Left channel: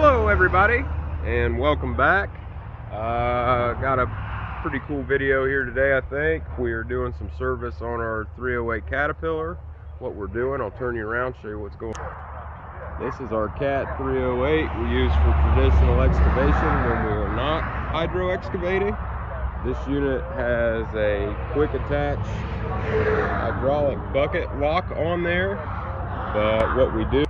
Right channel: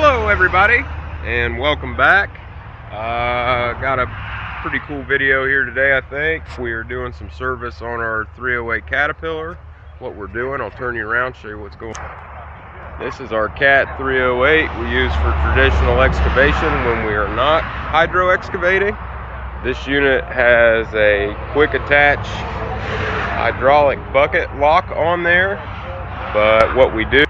Hello everybody and welcome back. Got a pretty cool video here today. I think we are doing some service on our 308 Caterpillar. What we're doing, I'll turn you around, show you what's going on. This is our Cat 308 we use for traditional excavation when we are not hydro excavating. This unit has a quick attach hydraulic bucket lock on there, but what we do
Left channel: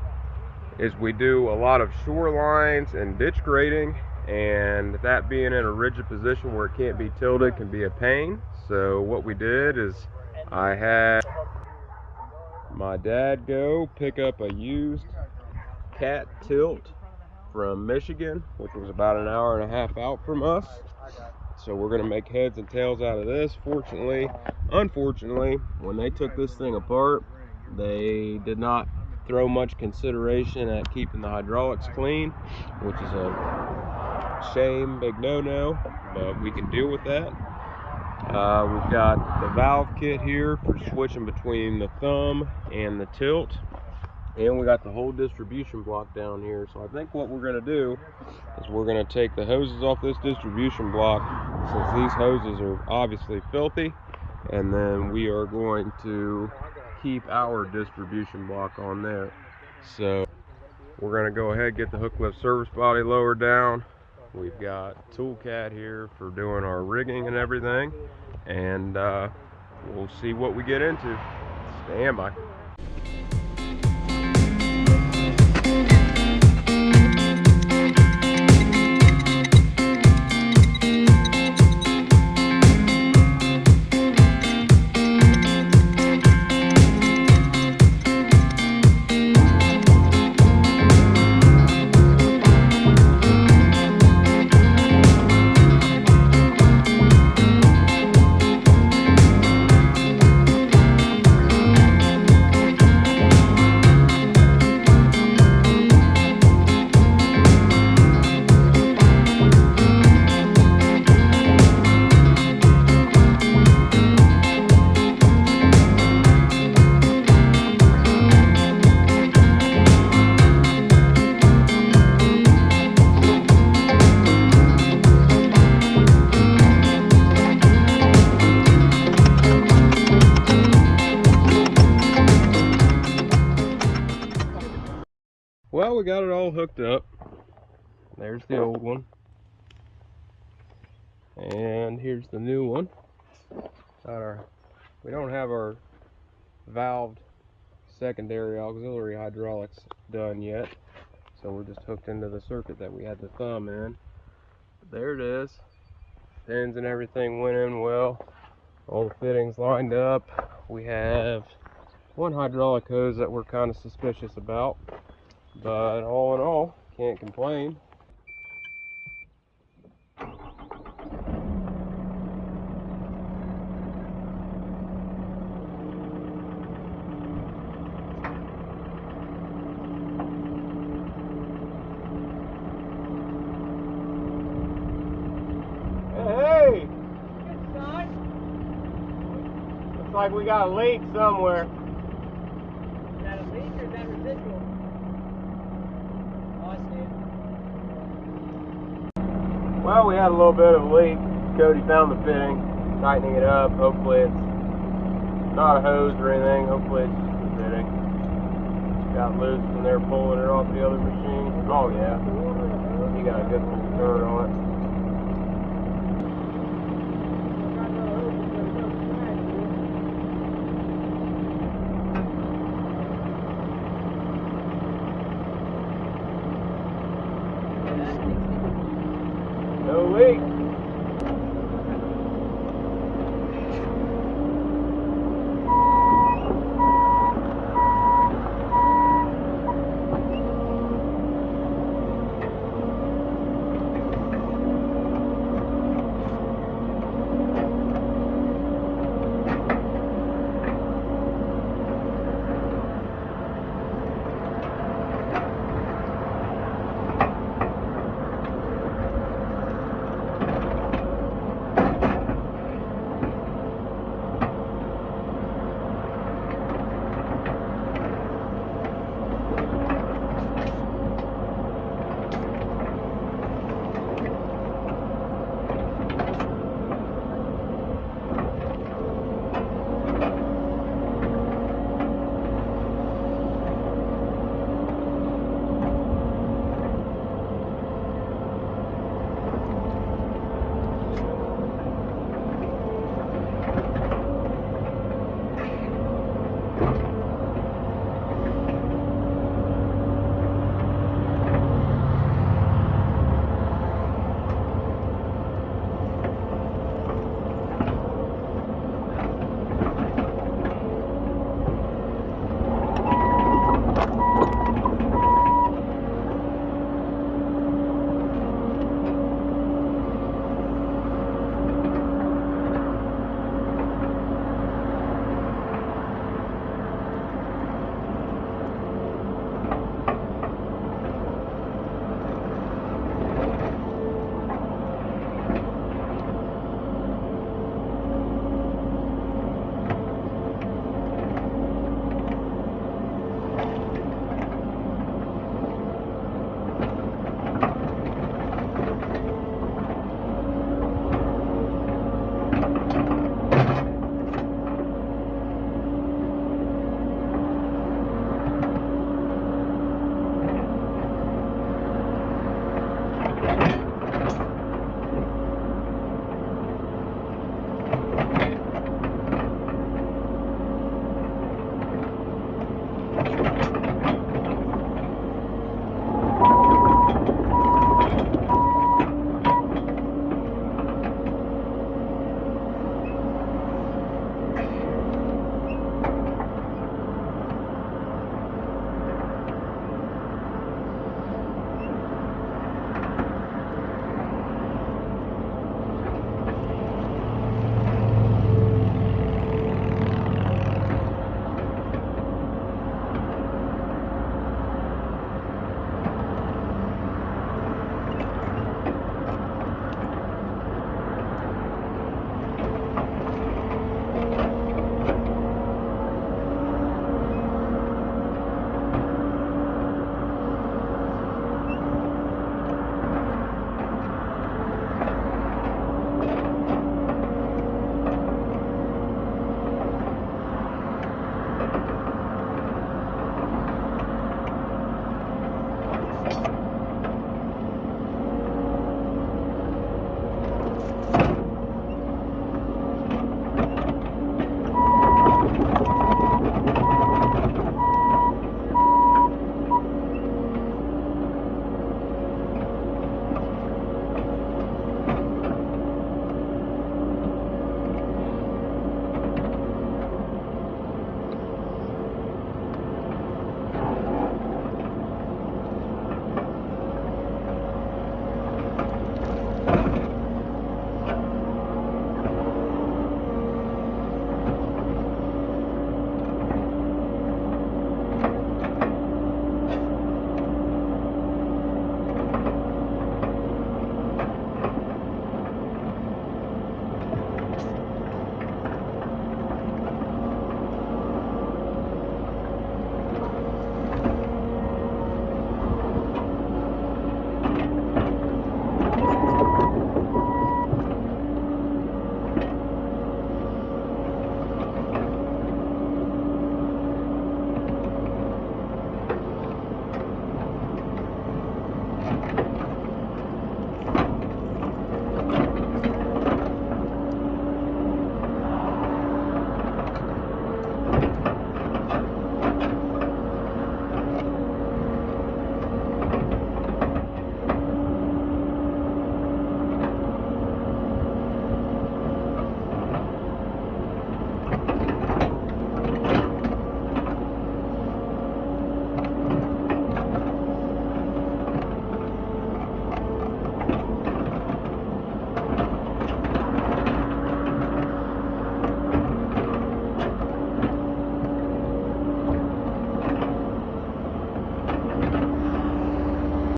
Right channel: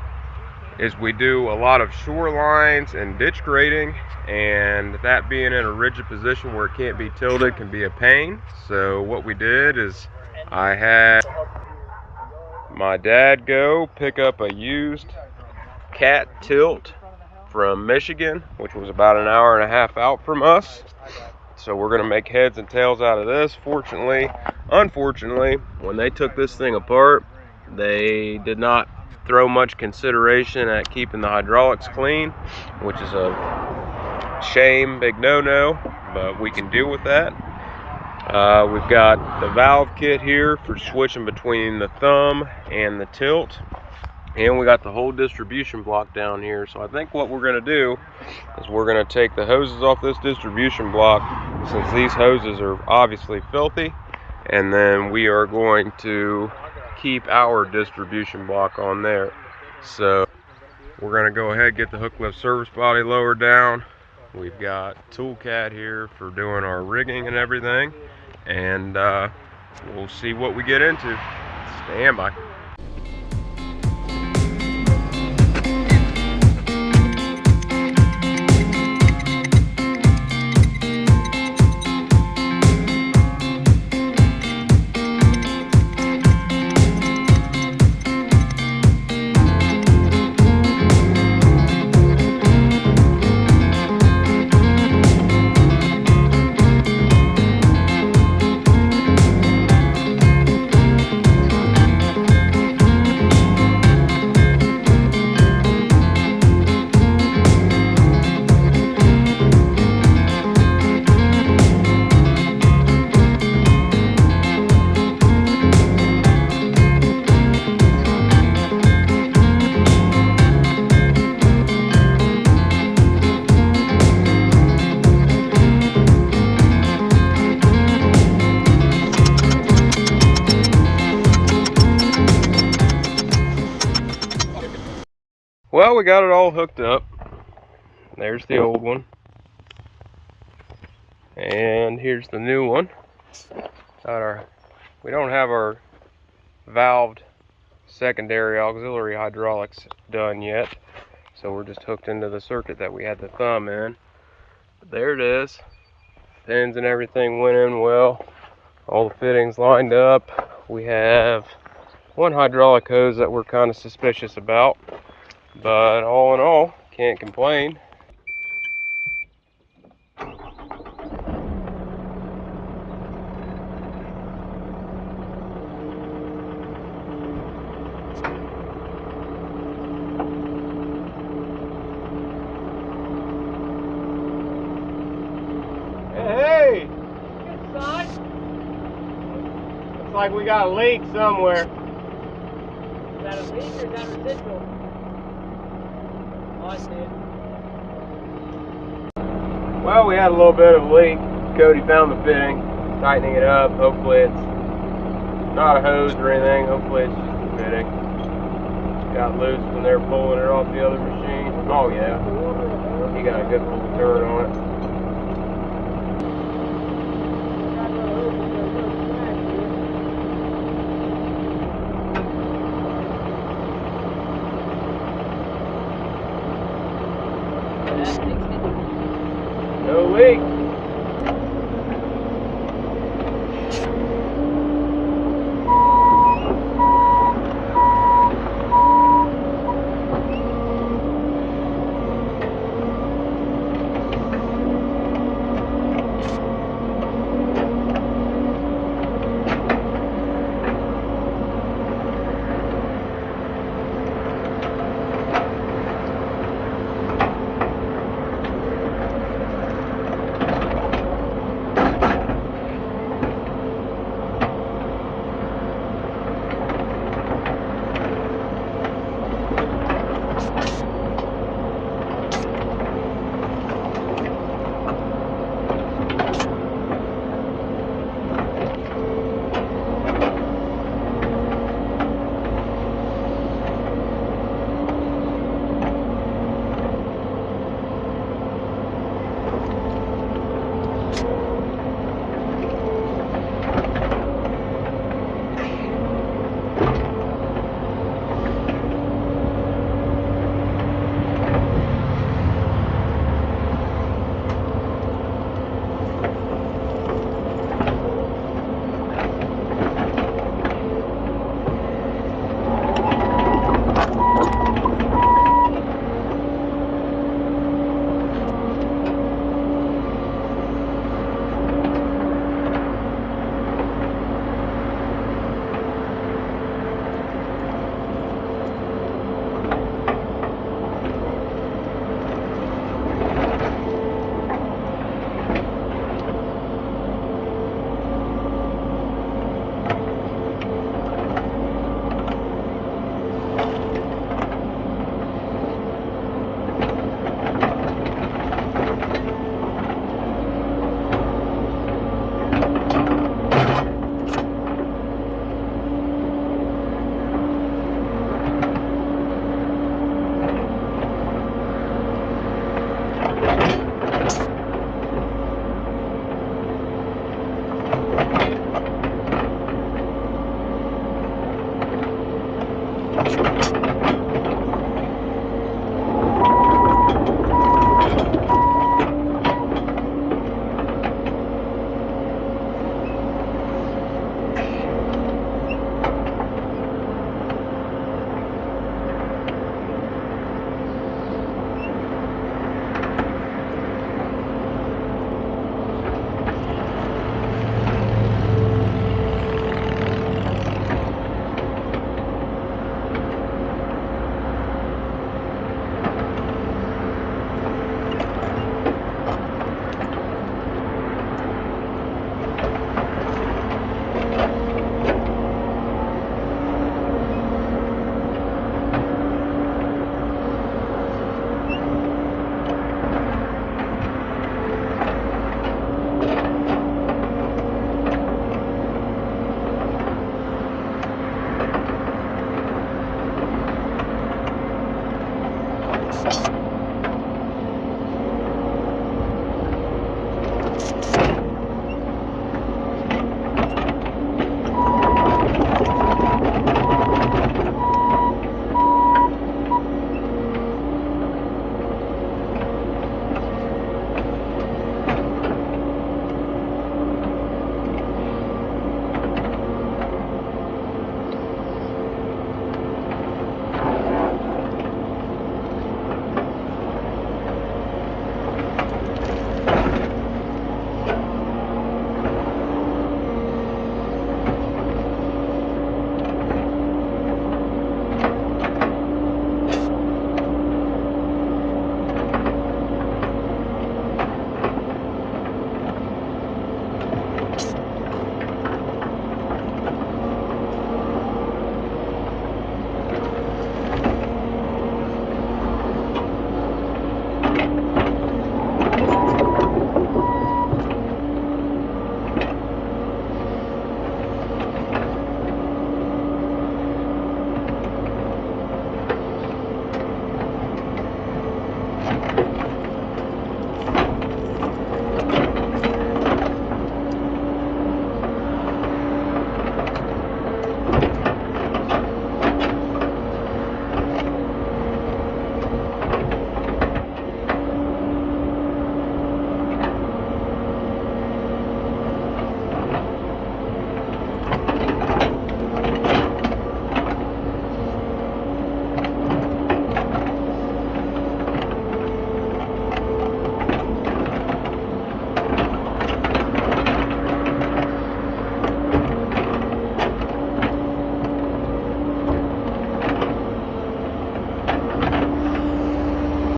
is we do a lot of shorelines and ditch grading, and that being in a rigid position where it can't be tilted can be a pain. So what we did is I had my dad go pick up a used Cat tilt from Michigan, which was about an hour and a half out from us. So we're going to make heads and tails out of this. Unfortunately, when they took this thing apart, they did not throw much consideration at keeping the hydraulics clean, which is a shame, big no-no, but we can deal with that. We've got the valve kit here for switching between the thumb and the tilt, and we got the whole distribution block down here. So I think what we're going to do is we're going to take the hoses off this distribution block, since these hoses are obviously filthy, and then we are going to keep our distribution block on there. So we're going to go ahead and get the hook lift service body lowered down. We've got Toolcat here for doing our rigging and everything, and we'll see what we get into. Stand by. Well, we got it all hooked up. There's the old one, and here's the new one. We don't have our valved secondary auxiliary hydraulics done yet, so we're just hooked into the circuit that we had the thumb in. But there it is. Pins and everything went in well. All the fittings lined up. We have one hydraulic hose that we're kind of suspicious about, but all in all, can't complain. Hey! Good side. Looks like we got a leak somewhere. Is that a leak or is that residual? Oh, I see it. Well, we had a little bit of a leak. Cody found the fitting, tightening it up. Hopefully it's not a hose or anything. Hopefully it's just the fitting. Got loose when they were pulling it off the other machine. Oh yeah, he got a good full turn on it. No leak.